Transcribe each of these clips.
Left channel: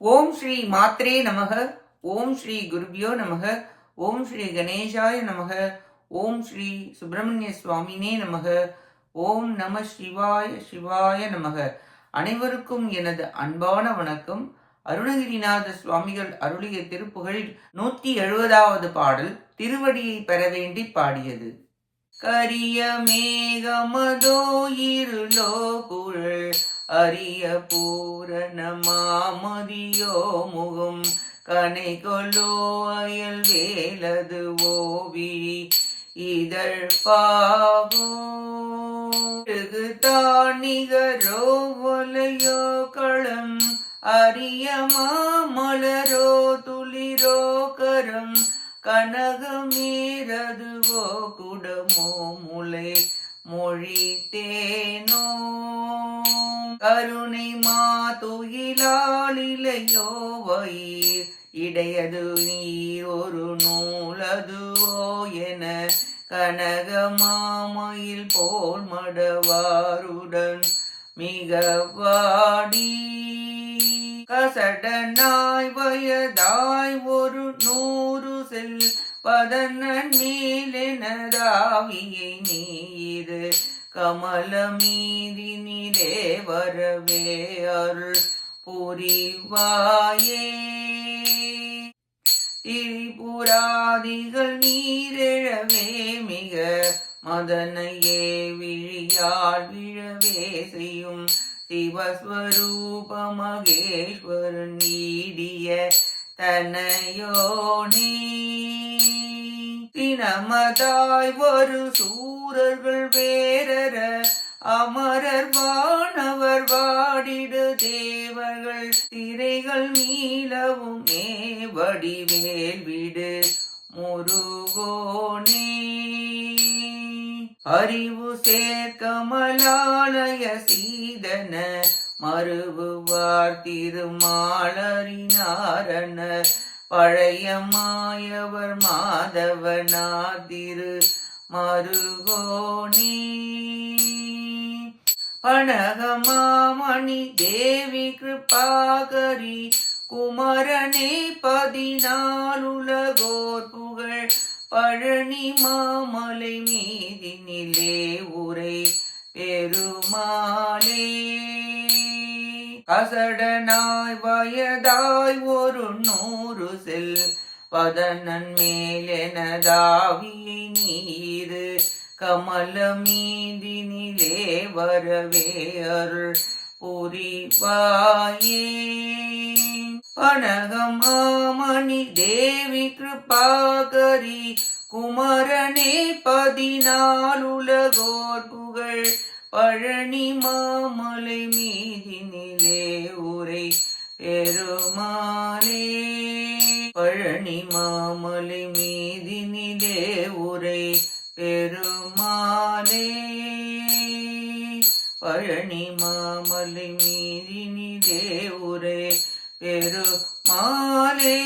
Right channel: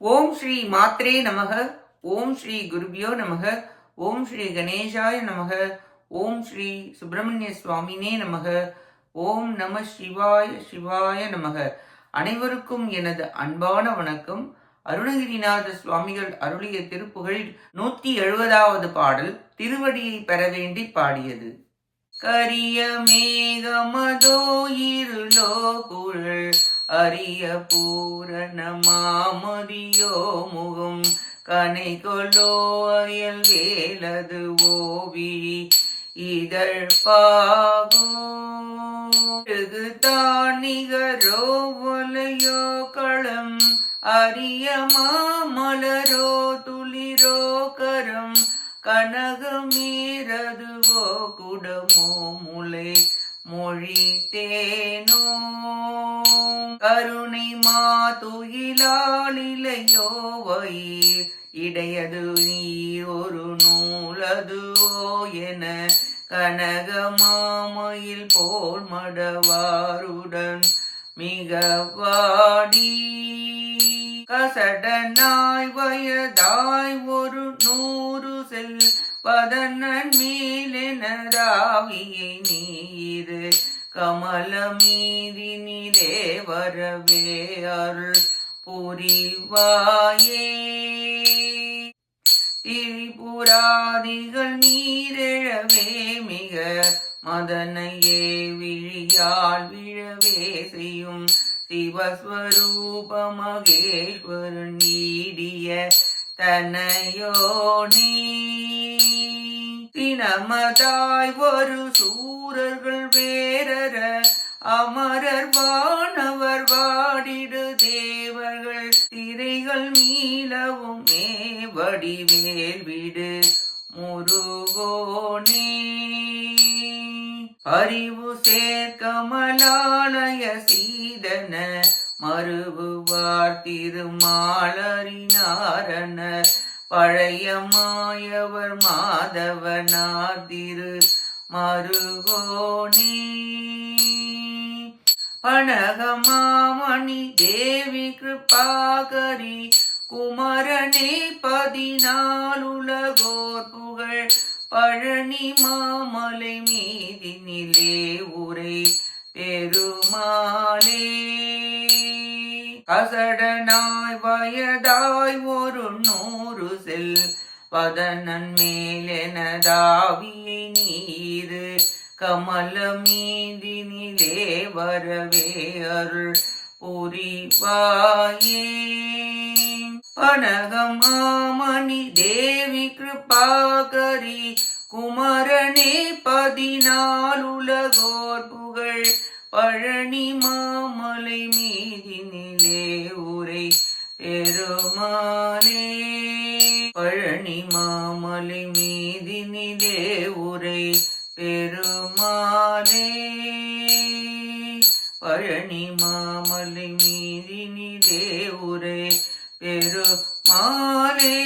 ஓம் ஸ்ரீ மாத்ரே நமக. ஓம் ஸ்ரீ குருபியோ நமக. ஓம் ஸ்ரீ கணேசாய நமக. ஓம் ஸ்ரீ சுப்பிரமணிய சுவாமினே நமக. ஓம் நம சிவாய சிவாய நமக. அனைவருக்கும் எனது அன்பான வணக்கம். அருணகிரிநாத சுவாமிகள் அருளிய திருப்புகழில் 170வது பாடல் திருவடியை பெற வேண்டி பாடியது. கரிய மேகமதோ இருளோ குழல் அரிய பூரண மாமதியோ முகம் கனை கொல்லோ அயல் வேலது ஓவிழி இதழ் பாகோ தானிகரோ வலையோ களம் அரிய மாமலரோ துளிரோ கரம் கனகமீரதுவோ குடமோ முலை மொழி தேனோ கருணை மாதுயிலாளிலையோ வயிர் இடையது நீர் ஒரு நூலதுவோ என கனக மாமயில் போல் மடவாருடன் மிக வாடி கசடனாய் வயதாய் ஒரு 100 செல் பதனன் மேலெனதாவியை நீர் கமல மீதினிலே வரவே அருள் புரிவாயே திரிபுராதிகள் நீரெழவே மிக மதனையே விழியால் விழவே செய்யும் சிவஸ்வரூப மகேஸ்வரன் ஈடிய தனையோனே தினமதாய் ஒரு சூரர்கள் வேரர அமரர் வானவர் வாடிடு தேவர்கள் திரைகள் மீளவும் வடிவேல் விடு முருகோனே அறிவு சேர்க்கமலாலய சீதன மறுபுவார் திருமாலரினாரனர் பழைய மாயவர் மாதவனார் திரு மருகோனே பனகமாமணி தேவி கிருபாகரி குமரனே 14 உலகோர் புகழ் பழனி மாமலை மீதினிலே உரை பெருமாளே கசடனாய் வயதாய் ஒரு 100 செல் பதனன் மேலெனதாவியை நீர் கமல மீதினிலே வரவே அருள் புரிவாயே பனகமாமணி தேவி கிருபாகரி குமரனே 14 உலகோர் புகழ் பழனி மாமலை மீதினிலே உரை பெருமாளே பழனி மாமலை மீதினிலே உரை பெருமாளே பழனி மாமலை மீதினிலே உரை பெருமாளே.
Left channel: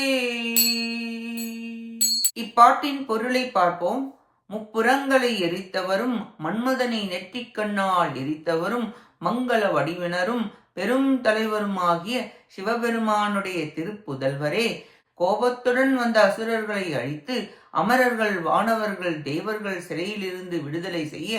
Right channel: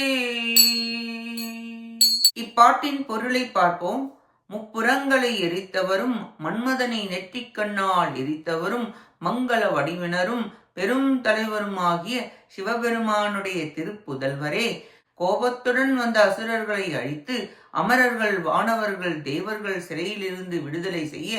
இப்பாட்டின் பொருளை பார்ப்போம். முப்புறங்களை எரித்தவரும் மன்மதனை நெற்றிக்கண்ணால் எரித்தவரும் மங்கள வடிவினரும் பெரும் தலைவருமாகிய சிவபெருமானுடைய திருப்புதல்வரே, கோபத்துடன் வந்த அசுரர்களை அழித்து அமரர்கள் வானவர்கள் தேவர்கள் சிறையிலிருந்து விடுதலை செய்ய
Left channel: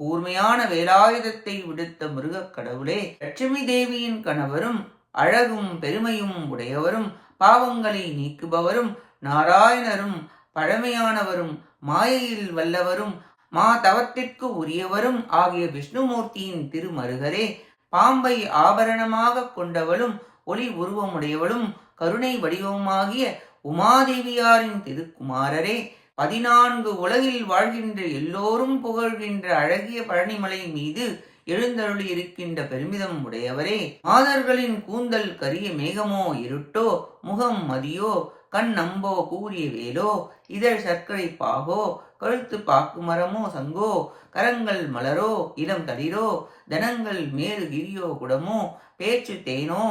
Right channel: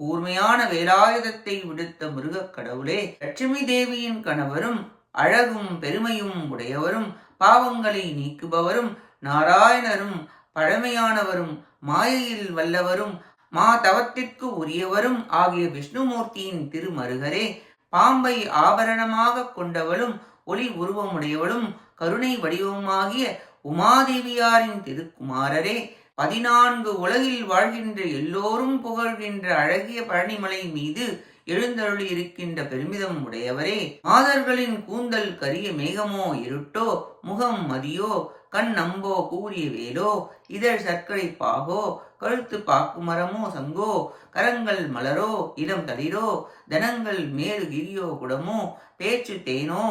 கூர்மையான வேலாயுதத்தை விடுத்த முருகக் கடவுளே, லட்சுமி தேவியின் கணவரும் அழகும் பெருமையும் உடையவரும் பாவங்களை நீக்குபவரும் நாராயணரும் பழமையானவரும் மாயையில் வல்லவரும் மா தவத்திற்கு உரியவரும் ஆகிய விஷ்ணுமூர்த்தியின் திருமருகரே, பாம்பை ஆபரணமாக கொண்டவளும் ஒளி உருவமுடையவளும் கருணை வடிவமாகிய உமாதேவியாரின் திருக்குமாரரே, 14 உலகில் வாழ்கின்ற எல்லோரும் புகழ்கின்ற அழகிய பழனிமலை மீது எழுந்தருளி இருக்கின்ற பெருமிதம் உடையவரே, மாதர்களின் கூந்தல் கரிய மேகமோ இருட்டோ முகம் மதியோ கண் நம்போ கூறிய வேலோ இதழ் சர்க்கரை பாகோ கழுத்து பாக்கு மரமோ சங்கோ கரங்கள் மலரோ இளம் தளிரோ தனங்கள் மேறு கிரியோ குடமோ பேச்சு தேனோ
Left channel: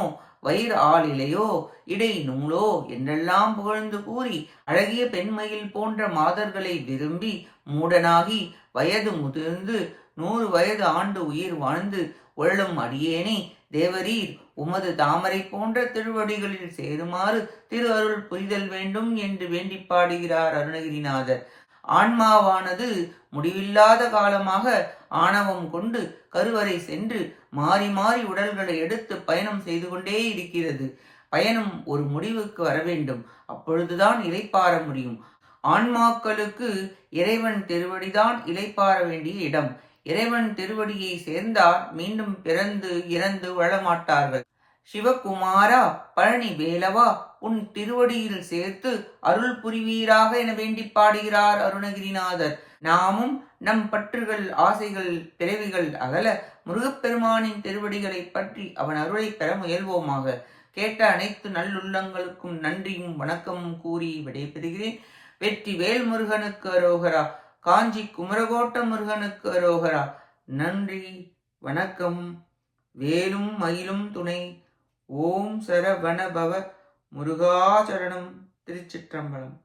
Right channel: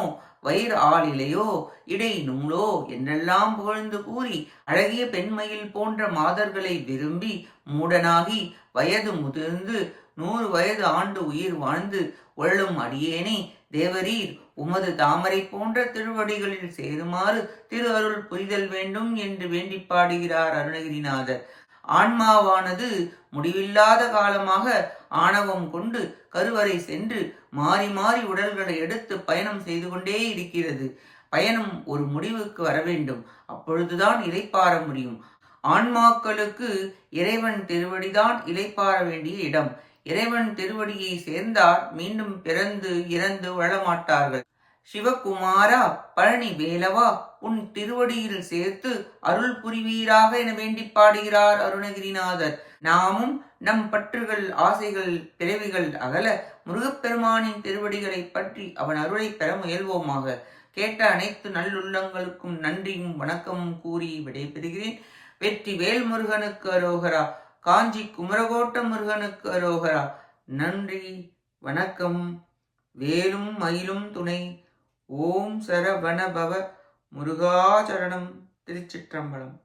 வயிறு ஆளிலையோ இடை நூலோ என்றெல்லாம் புகழ்ந்து கூறி அழகிய பெண்மயில் போன்ற மாதர்களை விரும்பி மூடனாகி வயது முதிர்ந்து 100 வயது ஆண்டு உயிர் வாழ்ந்து ஒள்ளும் அடியேனே, தேவரீர் உமது தாமரை போன்ற திருவடிகளில் சேருமாறு திரு அருள் புரிதல் வேண்டும் என்று வேண்டி பாடுகிறார் அருணகிரிநாதர். ஆன்மாவானது முடிவில்லாத காலமாக ஆணவம் கொண்டு கருவறை சென்று மாறி மாறி உடல்களை எடுத்து பயணம் செய்து கொண்டே இருக்கிறது. பயணம் ஒரு முடிவுக்கு வர வேண்டும். அப்பொழுதுதான் இளைப்பாற முடியும். ஆன்மாக்களுக்கு இறைவன் திருவடிதான் இளைப்பாற வேண்டிய இடம். இறைவன் திருவடியை சேர்ந்தால் மீண்டும் பிறந்து இறந்து வாழமாட்டார்கள். சிவகுமாரா, பழனி வேலவா, உன் திருவடியில் சேர்த்து அருள் புரிவீராக என வேண்டி பாடுகிறார் அருணகிரிநாதர். நாமும் நம் பற்றுகள், ஆசைகள், பிறவிகள் அகல முருகப்பெருமானின் திருவடிகளை பற்றி அவன் அருளை பெற முயல்வோமாக. கேட்ட அனைத்து நல்லுள்ளங்களுக்கும் நன்றியும் வணக்கமும் கூறி விடைபெறுகிறேன். வெற்றி வேல் முருகனுக்கு அரோகரா. காஞ்சி குமரகோட்ட முருகனுக்கு அரோகரா. நன்றி, வணக்கம். வேலும் மயிலும் துணை. ஓம் சரவணபவ முருகாசரணம். திருச்சிற்றம்பலம்.